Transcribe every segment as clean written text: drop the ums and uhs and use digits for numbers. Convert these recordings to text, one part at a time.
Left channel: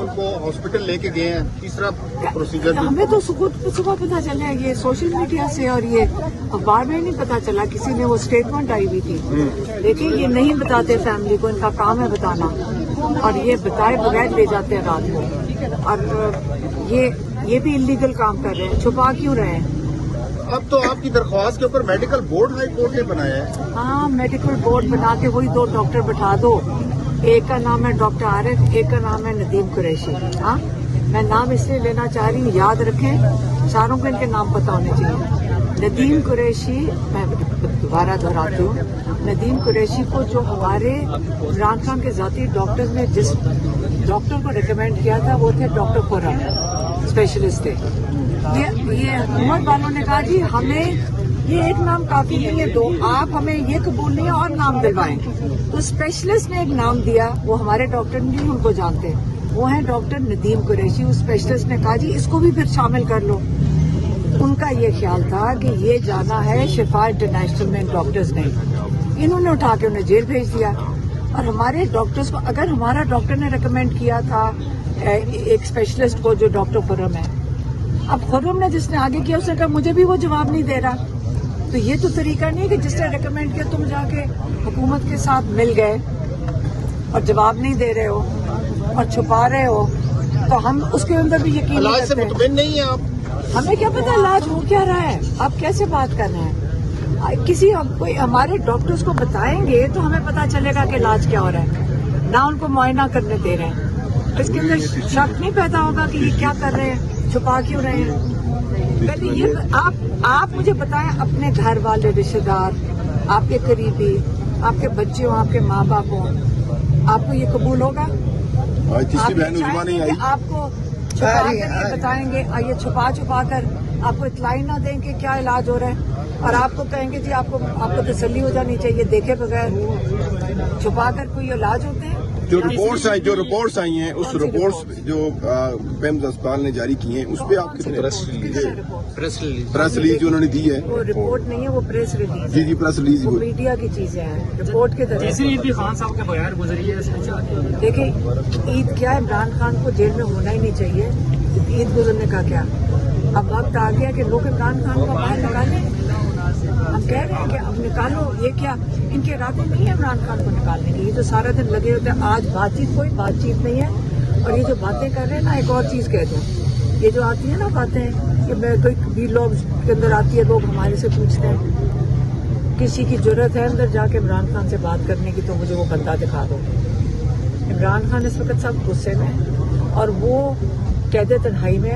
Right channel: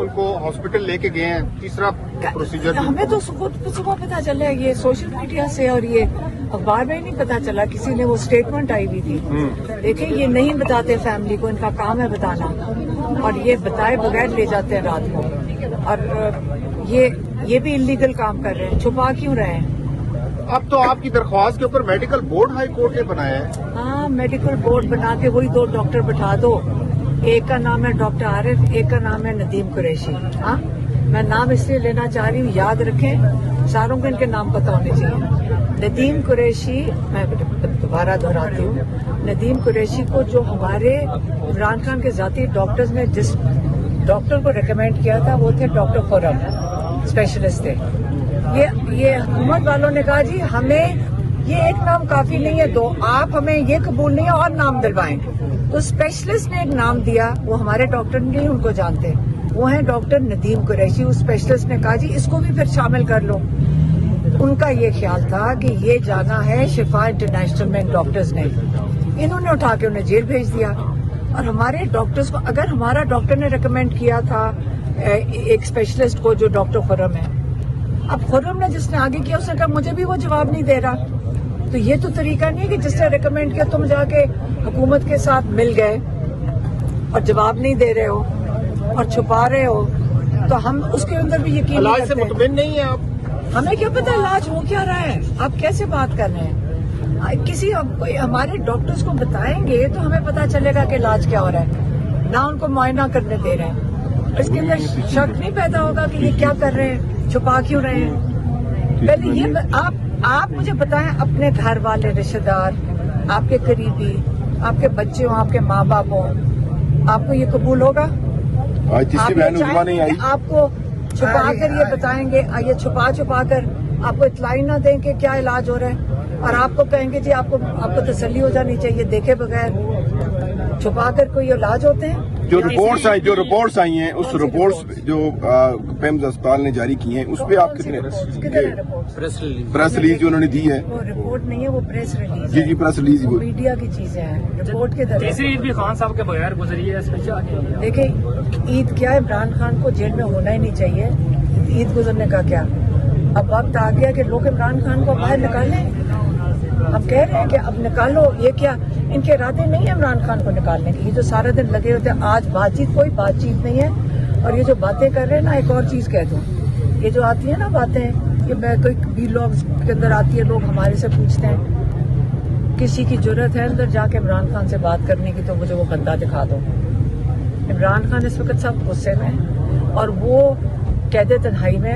ان کو ہاسپٹل لے کے گئے ہیں، تیسرا پروسیجر ہمیں تو صبح پتا چلا ہے، یہ سوشل میڈیا سے اور یہ اخبار میں ہی نہیں پتا چلا، کسی نے وہ اسٹیٹمنٹ آئی ہوئی تھی. دیکھیں یہ نہیں بتاتے فیملی کو، ان کا کام ہے بتانا، اور یہ بتائے بغیر لے جاتے ہیں رات کو، اور یہ بھی انلیگل کام کر رہے ہیں. چھپا کیوں رہے ہیں؟ اب تو آپ کی درخواست کے اوپر میڈیکل بورڈ ہائی کورٹ نے بنایا ہے. ہاں میڈیکل بورڈ بنا کے وہی 2 ڈاکٹر بٹھا دو، ایک کا نام ہے ڈاکٹر عارف، ایک کا نام ہے ندیم قریشی. ہاں میں نام اس لیے لینا چاہ رہی ہوں، یاد رکھیں ساروں کو ان کے نام پتہ ہونے چاہیے. ندیم قریشی، میں دوبارہ دہراتی ہوں، ندیم قریشی کو جو ہمارے عمران خان کے ذاتی ڈاکٹرز نے جس ڈاکٹر کو ریکمینڈ کیا تھا وہ تھے ڈاکٹر خرم، اسپیشلسٹ تھے. یہ حکومت والوں نے کہا جی ہمیں یہ ایک نام کافی نہیں ہے، 2 آپ ہمیں یہ قبول نہیں ہے اور نام دلوائیں. تو اسپیشلسٹ نے ایک نام دیا، وہ ہمارے ڈاکٹر نہیں ان کو جانتے، وہ ہیں ڈاکٹر ندیم قریشی. اس اسپیشلسٹ نے کہا جی اس کو بھی پھر شامل کر لو. ان کا یہ خیال تھا کہ یہ جانا ہے شفا انٹرنیشنل میں ڈاکٹرز نے، انہوں نے اٹھا کے انہیں جیل بھیج دیا. اور ہمارے ڈاکٹرز کو، اگر ہمارا ڈاکٹر نے ریکمینڈ کیا تھا ایک اسپیشلسٹ کو جو ڈاکٹر خرم ہے، اب خرم نے جس نے آگے کیا اس نے کہا مجھے بھی وہ جواب نہیں دے رہا. تو یہ تو طریقہ نہیں ہے کہ جس نے ریکمینڈ کیا تم جا کے حکومت کے ساتھ مل گئے اور جواب نہیں دے رہے ہو اور چھپا رہے ہو. تو ہم اس کے اندر بھی یقین نہیں کرتے. مطمئن نہیں ہے آپ؟ ہمیں کیا پتا علاج ہو کیا رہا ہے، آپ کیسے بات کر رہے ہیں؟ کسی کوئی ہمارے ڈاکٹرز کو بتائیں گے تو ہمیں پتا چلے گا کہ علاج کیا ہو رہا ہے، نہ ان کو معائنہ کرنے دے رہے ہیں. اس کے اندر شک نہیں پیدا ہوگا کہ یہ کیا کر رہے ہیں، چھپا کیوں رہے ہیں. پہلے یہ آپ مجھے بتائیں، اپنے گھر والے رشتے دار، آپ کے قریبی، آپ کے بچے ہوں، آپ کے ماں باپ ہوں، آپ کو یہ قبول ہوگا؟ آپ یہ چاہیں گے کہ آپ کو چھپا کر یہ بتائیں گے، یہ چھپا کر آپ کو اطلاع نہ دیں کہ کیا علاج ہو رہا ہے، اور آپ کو کہیں گے جی آپ کو تسلی ہو جانی چاہیے، دیکھے بغیر چھپا کر کوئی علاج ہوتے ہیں. جو رپورٹس آئی ہیں، اس رپورٹس جو پیمز اسپتال نے جاری کی ہیں، اس پہ آپ کدھر ہے رپورٹ؟ پریس ریلیز جو انہوں نے دی ہے. وہ رپورٹ نہیں ہے، وہ پریس ریلیز. جی پریس ریلیز وہ میڈیا کی چیزیں ہیں، رپورٹ کے درمیان. عید بھی خان صاحب کے بغیر گزری ہے. دیکھیں عید کیا، عمران خان کو جیل میں ہونا ہی نہیں چاہیے. عید گزرنے کا کیا؟ اب وقت آ گیا کہ لوگ عمران خان کو باہر نکالیں. ہم کہہ رہے ہیں کہ اب نکالو. یہ کیا ان کے ارادے نہیں ہے عمران خان کو نکالنے کے؟ یہ تو سارا دن لگے ہوتے ہیں. آج کوئی بات چیت نہیں ہے. اور یہ جو باتیں کر رہے ہیں نا، ایک اور چیز کہہ دوں، یہ جو آتی ہیں نا باتیں کہ میں کوئی بھی لوگ کے اندر آتی ہے، لوگ ہمارے سے پوچھتے ہیں کسی کی ضرورت ہے اندر جا کے عمران خان سے بات کرنے کی تو مجھے وہ بندہ دکھا دو. عمران خان اس وقت سب غصے میں، اور وہ قید تنہائی میں.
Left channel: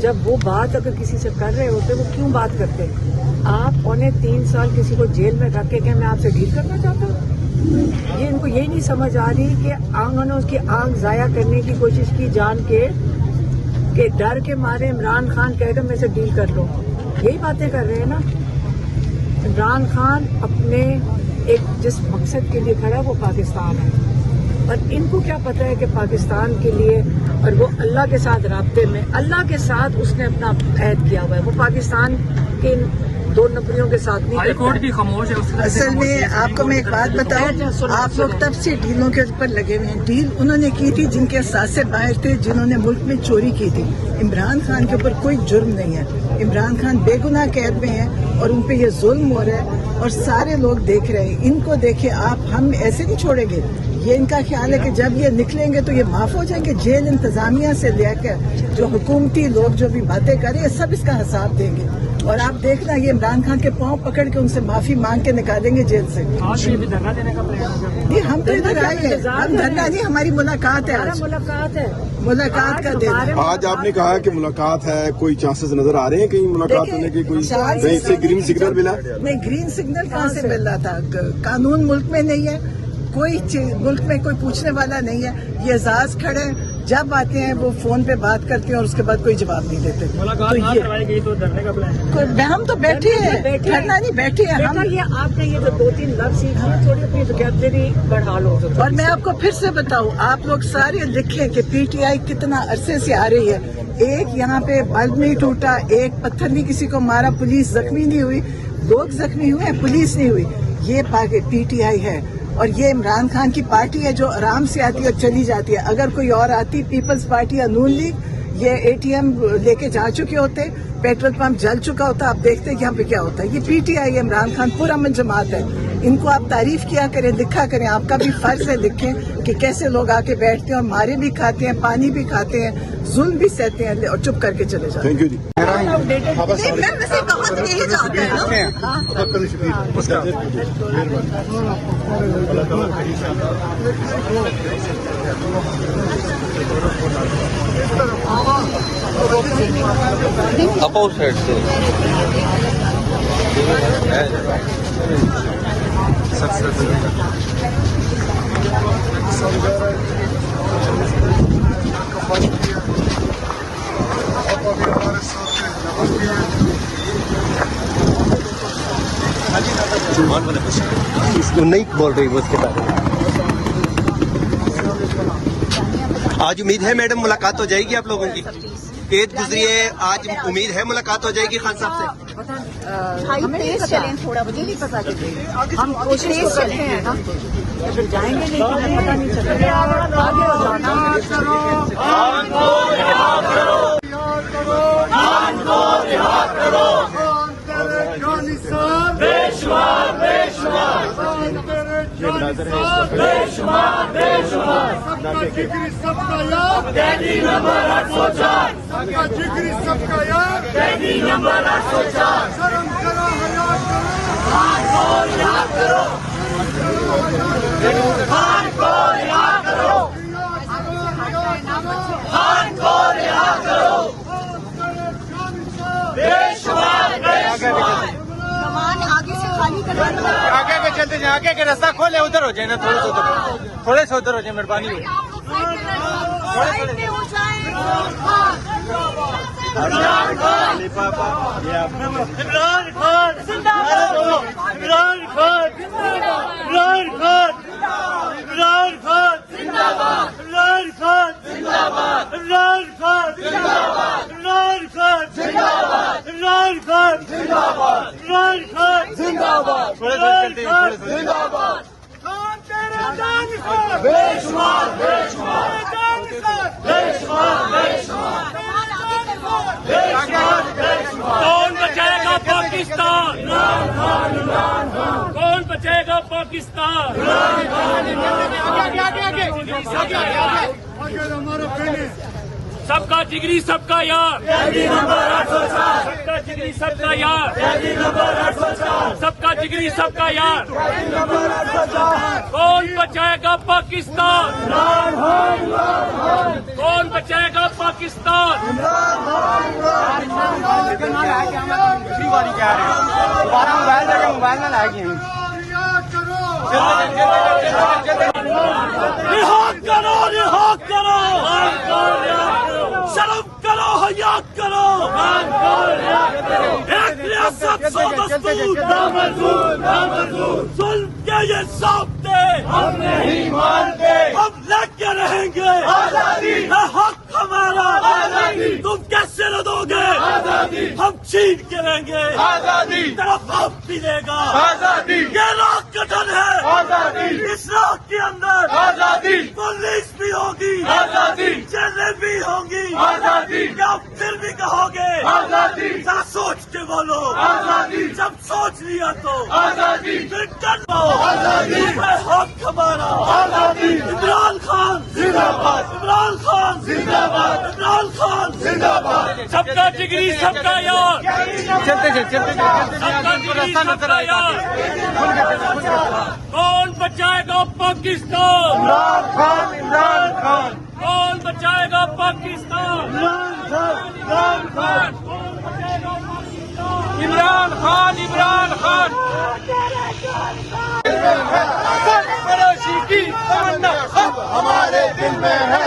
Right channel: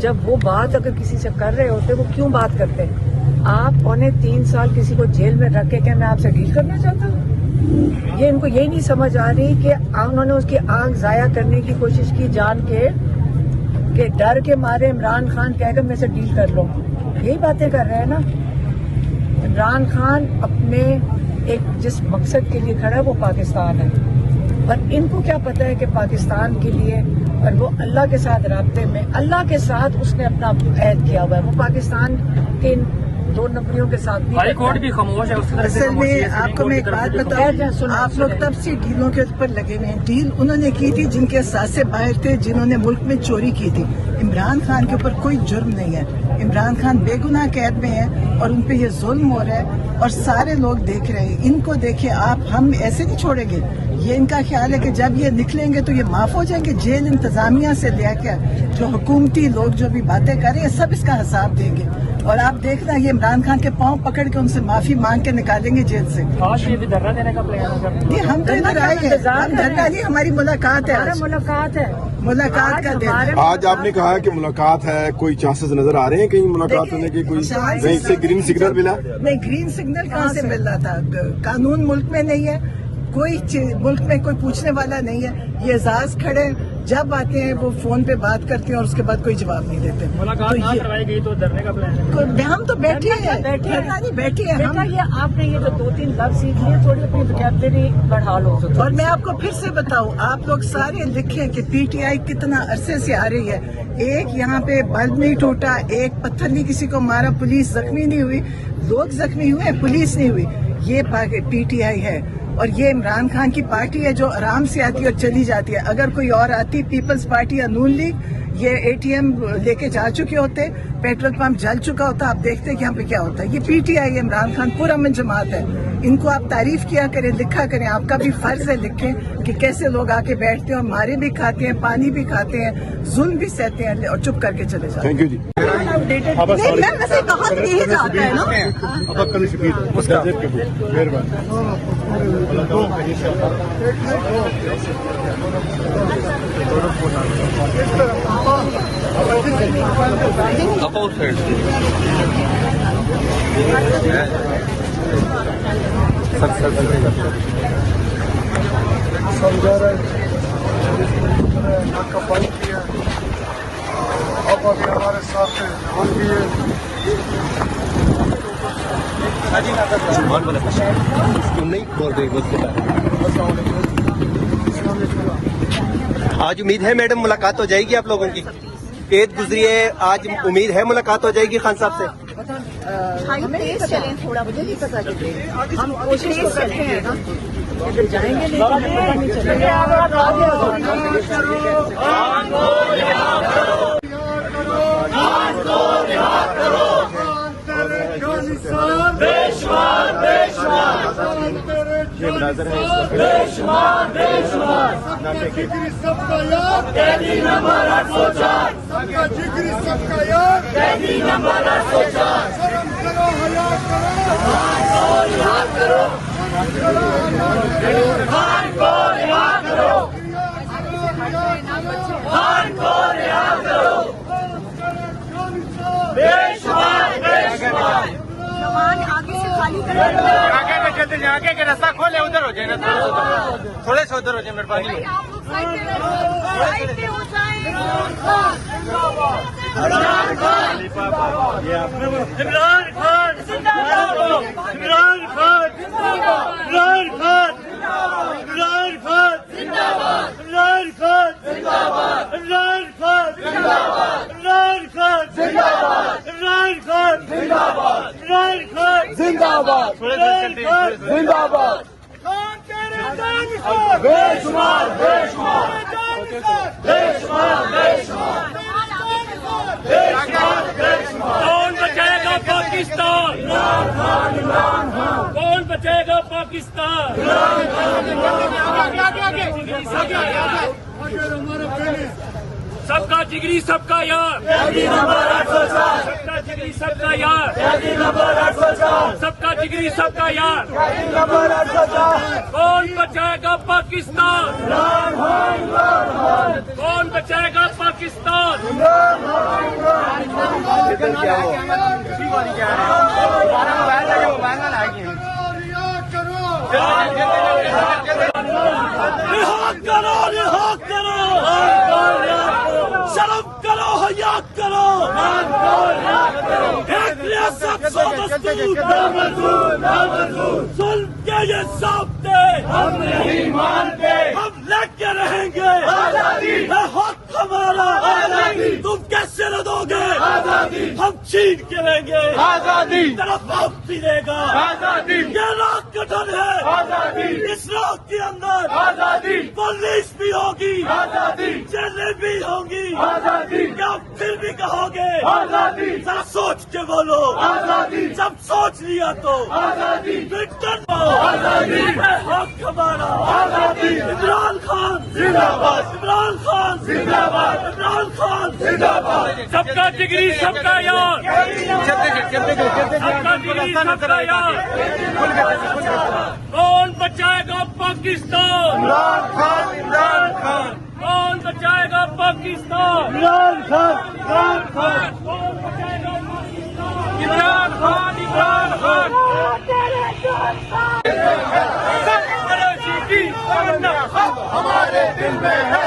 جب وہ بات اگر کسی سے کر رہے ہوتے وہ کیوں بات کرتے ہیں؟ آپ 3 سال کسی کو جیل میں رکھ کے میں آپ سے ڈیل کرنا چاہتا ہوں؟ یہ ان کو یہی نہیں سمجھ آ رہی کہ انہوں نے اس کی آنکھ ضائع کرنے کی کوشش کی جان کے، کہ ڈر کے مارے عمران خان کہہ کر میں سے ڈیل کر لوں. یہی باتیں کر رہے ہیں نا. عمران خان اپنے ایک جس مقصد کے لیے کھڑا ہے وہ پاکستان ہے، اور ان کو کیا پتا ہے کہ پاکستان کے لیے، اور وہ اللہ کے ساتھ رابطے میں، اللہ کے ساتھ اس نے اپنا عہد کیا ہوا ہے. وہ پاکستان کی 2 نفریوں کے ساتھ نہیں کرتا. اصل میں آپ کو میں ایک بات بتایا، آپ لوگ تب سے ڈیلوں کے اوپر لگے ہوئے ہیں. ڈیل انہوں نے کی تھی جن کے ساتھ باہر تھے، جنہوں نے ملک میں چوری کی تھی. عمران خان کے اوپر کوئی جرم نہیں ہے. عمران خان بے گناہ قید میں ہیں اور ان پہ یہ ظلم ہو رہا ہے اور سارے لوگ دیکھ رہے ہیں. ان کو دیکھیں آپ، ہم ایسے نہیں چھوڑیں گے. یہ ان کا خیال ہے کہ جب یہ نکلیں گے تو یہ معاف ہو جائیں گے. جیل انتظامیہ سے لے کر جو حکومتی لوگ جو بھی باتیں کر رہے ہیں سب اس کا حساب دیں گے. اور آپ دیکھنا یہ عمران خان کے پاؤں پکڑ کے ان سے معافی مانگ کے نکالیں گے جیل سے. جی ہم تو ادھر آئے ہیں، دھرنا نہیں، ہماری ملاقات ہے. ملاقات کا دن. آج آپ نے کہا کہ ملاقات ہے، کوئی چانسز نظر آ رہے ہیں کہیں ملاقات کرنے کے؟ کوئی گرین سگنل ملا؟ نہیں، گرین سگنل کہاں سے مل رہا تھا؟ قانون ملک میں نہیں ہے، کوئی ملک میں کوئی پوچھنے والا نہیں ہے. یہ اعزاز کھڑے جب آتے ہیں وہ فون پہ بات کرتے ہیں اور اس کے بعد کوئی جواب نہیں دیتے. تو یہ ہم تو بیٹھے ہیں، دھرنا نہیں، بیٹھے ہیں ہم. یہ آپ نے یہ 2-3 لفظ سیکھے، تھوڑی اپنی وکیبلری بڑھا لو. اور میں آپ کو پھر سے بتاؤں، آپ لوگ سارے لکھیں کہ پی ٹی آئی کتنا عرصے سے آ رہی ہے. ایک یہاں پہ بلب نہیں ٹوٹا، ایک پتھر نہیں کسی کو مارا، پولیس زخمی نہیں ہوئی. لوگ زخمی ہوئے، پولیس نہیں ہوئی. یہ پی ٹی آئی ہے. اور یہ عمران خان کی پارٹی ہے جو آرام سے آتی ہے اور چلی جاتی ہے. اگر کوئی اور آتی پیپلز پارٹی یا نون لیگ, یہ اے ٹی ایم لے کے جا چکے ہوتے, پیٹرول پمپ جل چکا ہوتا. آپ دیکھتے کہ یہاں پہ کیا ہوتا ہے. یہ P T I Imran Khan پورا من جماعت ہے. ان کو آپ تعریف کیا کریں, لکھا کریں. آپ کا بھی فرض ہے لکھیں کہ کیسے لوگ آ کے بیٹھتے ہیں اور مارے بھی کھاتے ہیں, پانی بھی کھاتے ہیں, ظلم بھی سہتے ہیں اور چپ کر کے چلے جاتے ہیں. تھینک یو جی. نہیں بول رہی اس کے بعد آج امید ہے میڈم ملاقات ہو جائے گی آپ لوگوں کی. عید گزری ہے, آج امید ہے ملاقات ہو جائے گی خان صاحب سے. ہمیں نہیں پتا, مجھے نہیں پتا کہ ہم کوشش تو کرتے ہیں نا, پھر جائیں گے نہیں تو ہمیں پتا نہیں چلے راستہ کھولے ادھر ہو جائے نا, تھوڑے سے ادھر ہو جائے مردانی. کون بچائے گا پاکستان, کون بچائے گا پاکستان. سب کا جگری سب کا یار, سب کا جگری سب کا یار, سب کا جگری سب کا یار. کون بچائے گا پاکستان, کون بچائے گا پاکستان. رہا کرو, شرم کرو, حیا کرو. ایک ریاست سو دستور, ظلم کے یہ ضابطے ہم نہیں مانتے, ہم لڑ کے رہیں گے. ہے حق ہمارا, تم کیسے نہ دو گے. ہم چھین کے رہیں گے, طرف وقت ملے گا. یہ راہ گٹھن ہے, اس راہ کے اندر پولیس بھی ہوگی, جیلیں بھی ہوں گی. کیا پھر بھی کہو گے ذرا سوچ کے بولو, جب سوچ لیا تو پھر کر لو. حق ہمارا. عمران خان زندہ باد, عمران خان زندہ باد, عمران خان زندہ باد. سب کا جگری سب کا یار. کون بچائے گا پاکستان, عمران خان, عمران خان. کون بچائے گا پاکستان, عمران خان, عمران خان. کون بچائے گا پاکستان, عمران خان, عمران خان. ہمارے دل میں ہے,